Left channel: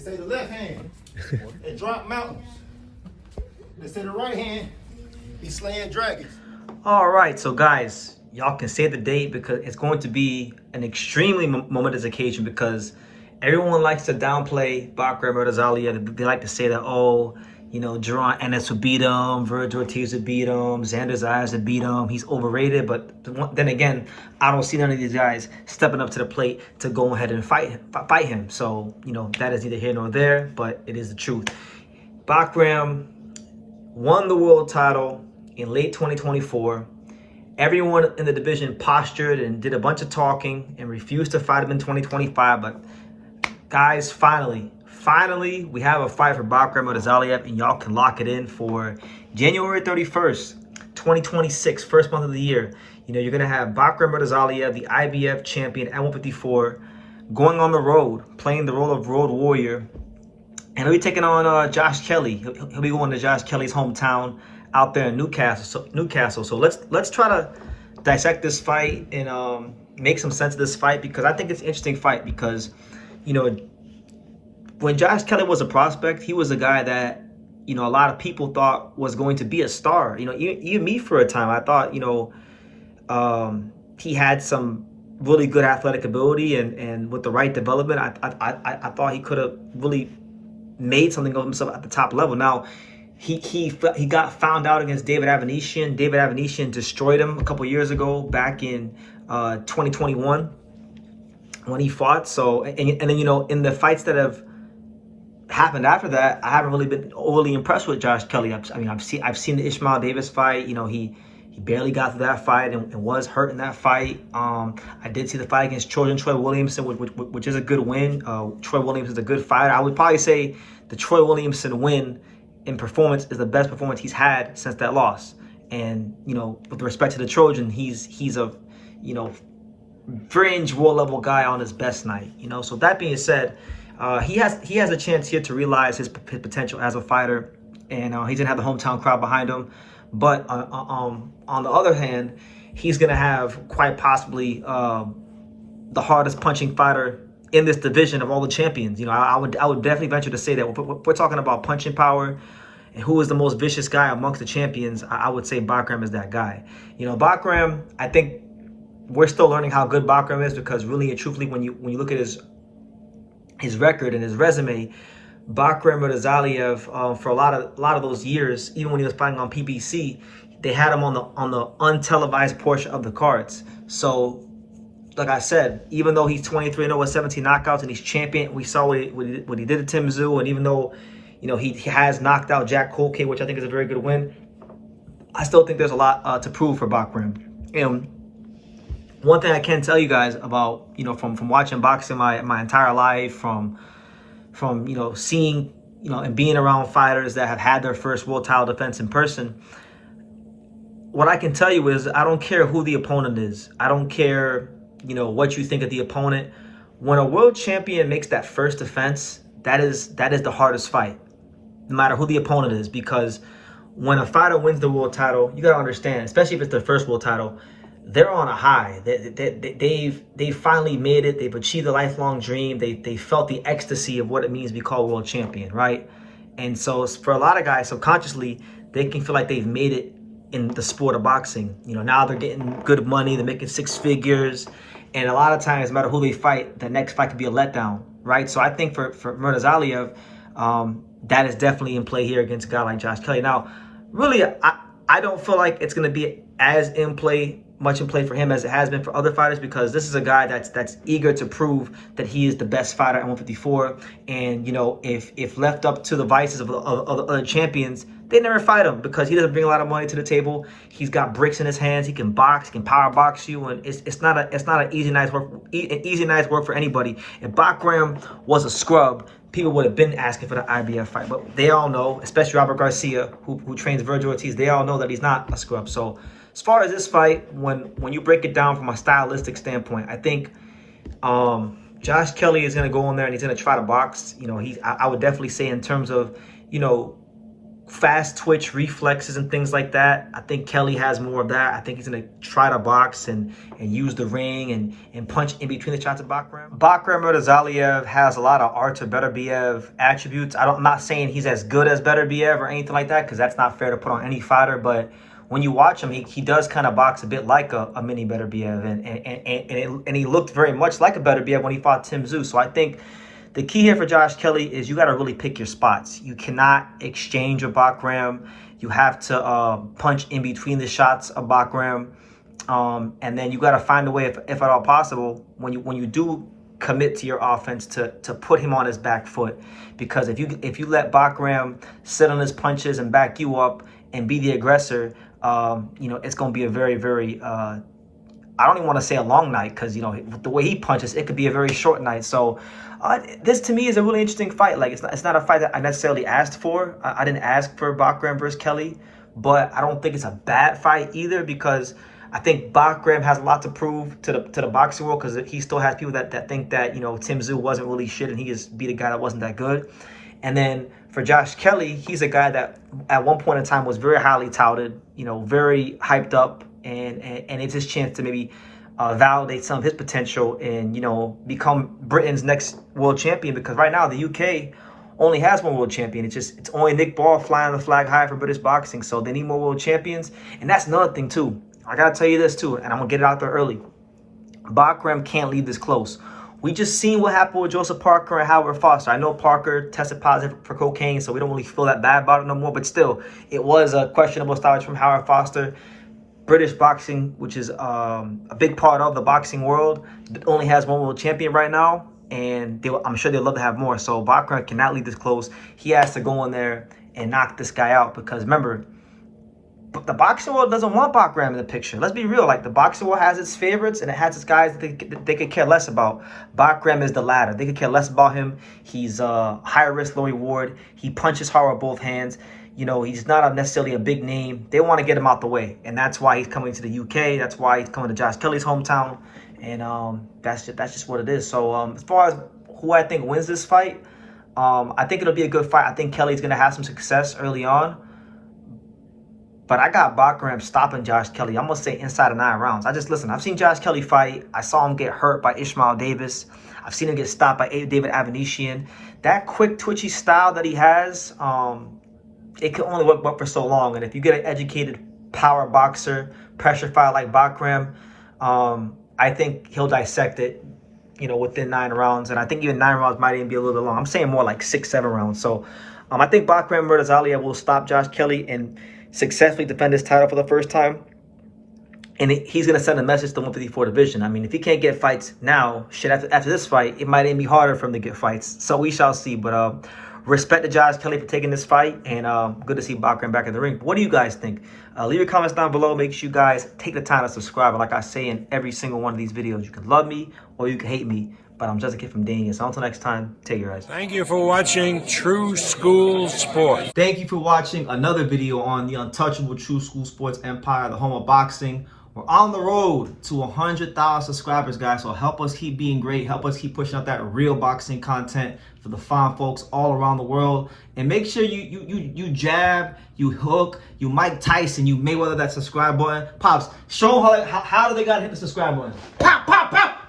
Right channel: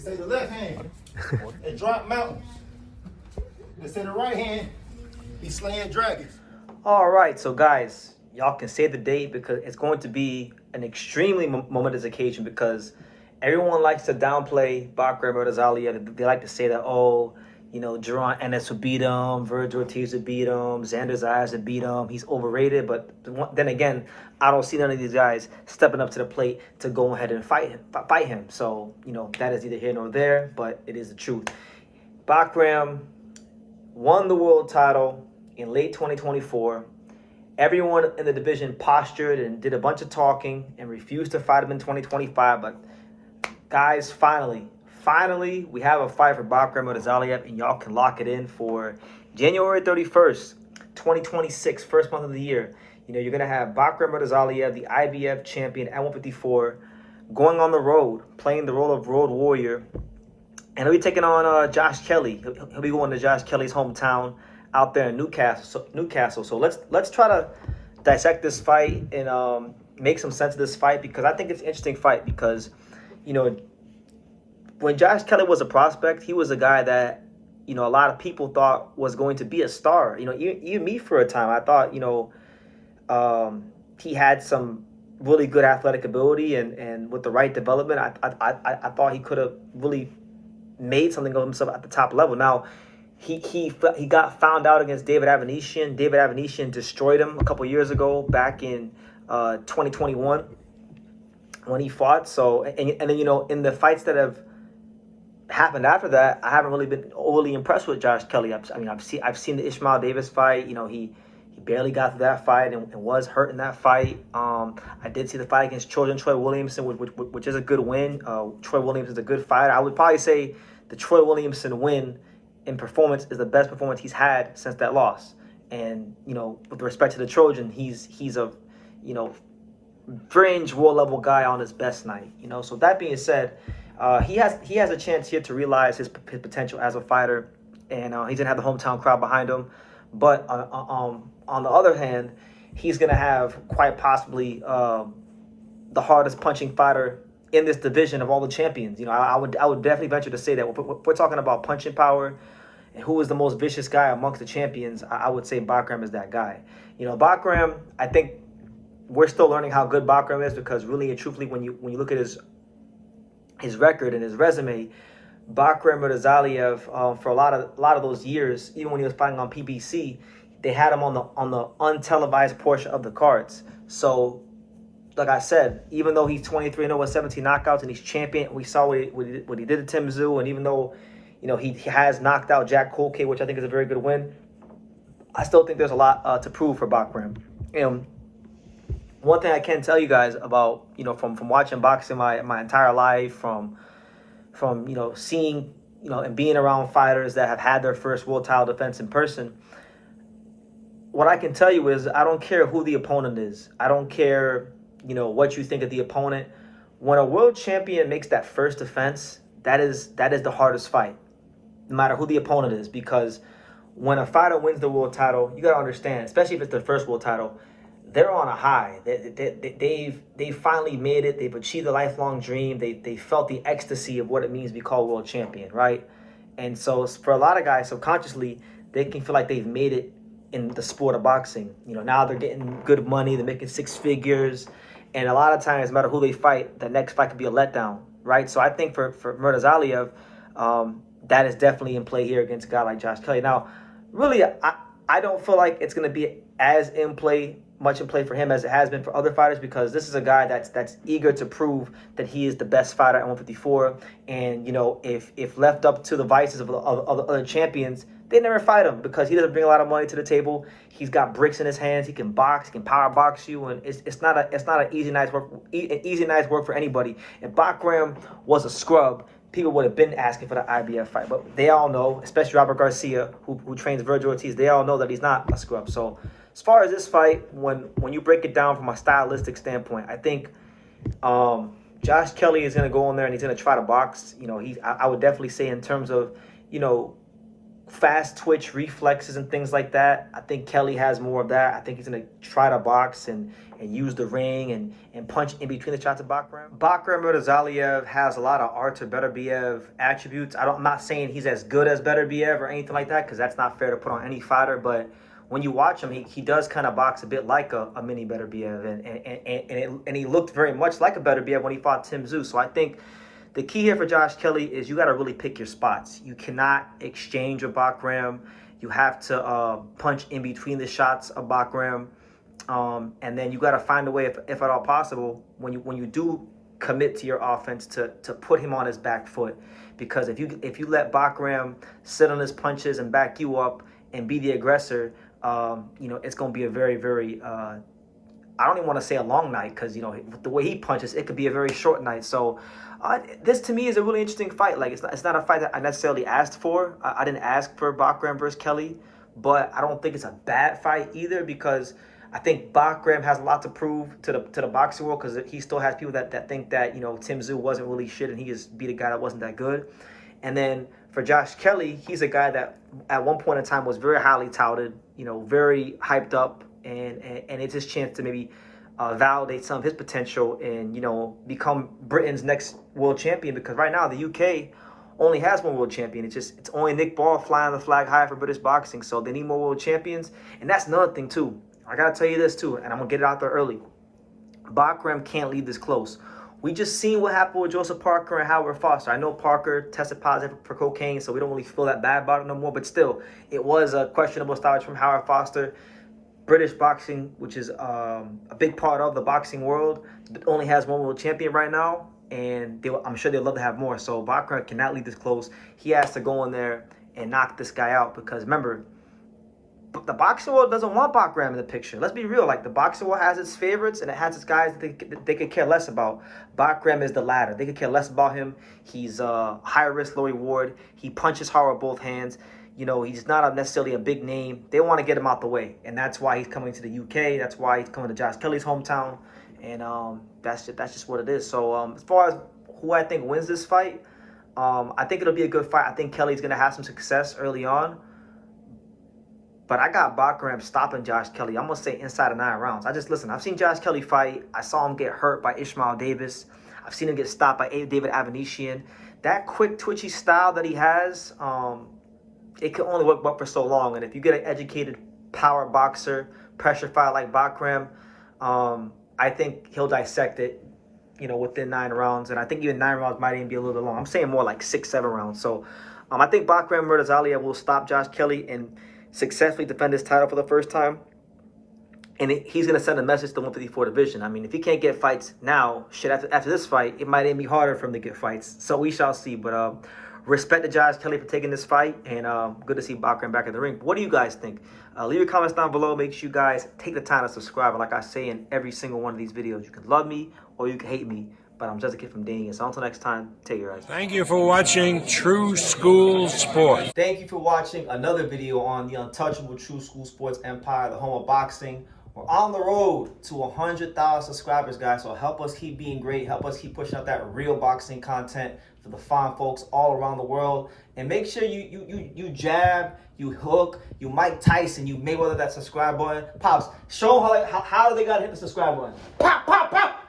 say the left hand, it drop mountains. They say the right hand, be slaying dragons. All right, so guys, y'all can say the date because it's going to be an extremely momentous occasion because everyone likes to downplay Bakhram Murtazaliev. They like to say that, oh, you know, Jerron Ennis would beat him, Virgil Ortiz would beat him, Xander Zayas would beat him. He's overrated, but then again, I don't see none of these guys stepping up to the plate to go ahead and fight him. So, you know, that is neither here nor there, but it is the truth. Bakhram won the world title in late 2024. Everyone in the division postured and did a bunch of talking and refused to fight him in 2025, but guys, finally, we have a fight for Bakhram Murtazaliev, and y'all can lock it in for January 31st, 2026, first month of the year. You know, you're going to have Bakhram Murtazaliev, the IBF champion at 154, going on the road, playing the role of road warrior. And he'll be taking on Josh Kelly. He'll be going to Josh Kelly's hometown out there in Newcastle. So let's try to dissect this fight and make some sense of this fight, because I think it's an interesting fight because, you know, when Josh Kelly was a prospect, he was a guy that, you know, a lot of people thought was going to be a star. You know, even me for a time, I thought, you know, he had some really good athletic ability, and with the right development, I thought he could have really made something of himself at the top level. Now, he got found out against David Avanesian. David Avanesian destroyed him a couple years ago, back in 2021 when he fought. So, and then, you know, in the fights that have happened after that, I haven't really been overly impressed with Josh Kelly. I've seen the Ishmael Davis fight. You know, he barely got through that fight and was hurt in that fight. I did see the fight against Troy Williamson, which is a good win. Troy Williamson is a good fighter. I would probably say the Troy Williamson win in performance is the best performance he's had since that loss. And, you know, with respect to the Trojan, he's a, you know, fringe world level guy on his best night. You know, so that being said, he has a chance here to realize his potential as a fighter, and he's gonna have the hometown crowd behind him. But on the other hand, he's gonna have quite possibly the hardest punching fighter in this division of all the champions. You know, I would definitely venture to say that if we're talking about punching power and who is the most vicious guy amongst the champions, I would say Bakhram is that guy. You know, Bakhram, I think we're still learning how good Bakhram is, because really and truthfully, when you look at his record and his resume, Bakhram Murtazaliev, for a lot of those years, even when he was fighting on PBC, they had him on the untelevised portion of the cards. So, like I said, even though he's 23-0 with 17 knockouts and he's champion, we saw what he did to Tim Tszyu, and even though, you know, he has knocked out Jack Colcay, which I think is a very good win, I still think there's a lot to prove for Bakhram. And one thing I can tell you guys about, you know, from watching boxing my entire life, from you know, seeing, you know, and being around fighters that have had their first world title defense in person, what I can tell you is I don't care who the opponent is. I don't care, you know, what you think of the opponent. When a world champion makes that first defense, that is the hardest fight, no matter who the opponent is, because when a fighter wins the world title, you got to understand, especially if it's their first world title, they're on a high. They've finally made it. They've achieved a lifelong dream. They felt the ecstasy of what it means to be called world champion, right? And so for a lot of guys, subconsciously, they can feel like they've made it in the sport of boxing. You know, now they're getting good money. They're making six figures. And a lot of times, no matter who they fight, the next fight could be a letdown, right? So I think for Murtazaliev, that is definitely in play here against a guy like Josh Kelly. Now, really, I don't feel like it's going to be as much in play for him as it has been for other fighters, because this is a guy that's eager to prove that he is the best fighter at 154. And, you know, if left up to the vices of the other champions, they never fight him, because he doesn't bring a lot of money to the table. He's got bricks in his hands. He can box. He can power box you, and it's not an easy night's work for anybody. If Bakhram was a scrub, people would have been asking for the IBF fight. But they all know, especially Robert Garcia, who trains Virgil Ortiz, they all know that he's not a scrub. So as far as this fight, when you break it down from a stylistic standpoint, I think Josh Kelly is going to go in there and he's going to try to box. You know, I would definitely say in terms of, you know, fast twitch reflexes and things like that. I think Kelly has more of that. I think he's going to try to box and use the ring and punch in between the shots of Bakhram. Bakhram Murtazaliev has a lot of Artur Beterbiev attributes. I'm not saying he's as good as Beterbiev or anything like that, because that's not fair to put on any fighter, but when you watch him, he does kind of box a bit like a mini Beterbiev, and he looked very much like a Beterbiev when he fought Tim Tszyu. So I think the key here for Josh Kelly is you got to really pick your spots. You cannot exchange with Bakhram. You have to punch in between the shots of Bakhram, and then you got to find a way, if at all possible, when you do commit to your offense, to put him on his back foot. Because if you let Bakhram sit on his punches and back you up and be the aggressor, it's going to be a very, very I don't even want to say a long night, because the way he punches, it could be a very short night. So this to me is a really interesting fight. Like, it's not a fight that I necessarily asked for. I didn't ask for Bakhram versus Kelly, but I don't think it's a bad fight either, because I think Bakhram has a lot to prove to the boxing world, because he still has people that think that Tim Tszyu wasn't really shit and he just beat a guy that wasn't that good. And then for Josh Kelly, he's a guy that at one point in time was very highly touted, very hyped up, and it's his chance to maybe validate some of his potential and become Britain's next world champion, because right now the UK only has one world champion. It's only Nick Ball flying the flag high for British boxing, so they need more world champions. And that's another thing too. I gotta tell you this too, and I'm gonna get it out there early. Bakhram can't leave this close. We just seen what happened with Joseph Parker and Howard Foster. I know Parker tested positive for cocaine, so we don't really feel that bad about it no more, but still, it was a questionable stoppage from Howard Foster. British boxing, which is a big part of the boxing world, only has one world champion right now, and I'm sure they'd love to have more. So Bakhram cannot leave this close. He has to go in there and knock this guy out, because remember, the boxing world doesn't want Bakhram in the picture. Let's be real. Like, the boxing world has its favorites, and it has its guys that they could care less about. Bakhram is the latter. They could care less about him. He's high risk, low reward. He punches hard with both hands. He's not necessarily a big name. They want to get him out the way, and that's why he's coming to the UK. That's why he's coming to Josh Kelly's hometown, and that's just what it is. So as far as who I think wins this fight, I think it'll be a good fight. I think Kelly's going to have some success early on. But I got Bakhram stopping Josh Kelly. I'm going to say inside of 9 rounds. I've seen Josh Kelly fight. I saw him get hurt by Ishmael Davis. I've seen him get stopped by David Avanesyan. That quick, twitchy style that he has, it can only work for so long. And if you get an educated power boxer, pressure fighter like Bakhram, I think he'll dissect it, within 9 rounds. And I think even 9 rounds might even be a little bit long. I'm saying more like 6, 7 rounds. So I think Bakhram Murtazaliev will stop Josh Kelly and successfully defend his title for the first time. And he's going to send a message to the 154 division. I mean, if he can't get fights now, after this fight, it might even be harder for him to get fights. So we shall see. But respect to Josh Kelly for taking this fight, and good to see Bakhram back in the ring. What do you guys think? Leave your comments down below. Make sure you guys take the time to subscribe. And like I say in every single one of these videos, you can love me or you can hate me, but I'm just a kid from Daniel. So until next time, take care, guys. Thank you for watching True School Sports. Thank you for watching another video on the untouchable True School Sports empire, the home of boxing. We're on the road to 100,000 subscribers, guys. So help us keep being great. Help us keep pushing out that real boxing content for the fine folks all around the world. And make sure you jab, you hook, you Mike Tyson, you Mayweather that subscribe button. Pops, show them how do they got to hit the subscribe button. Pop, pop, pop.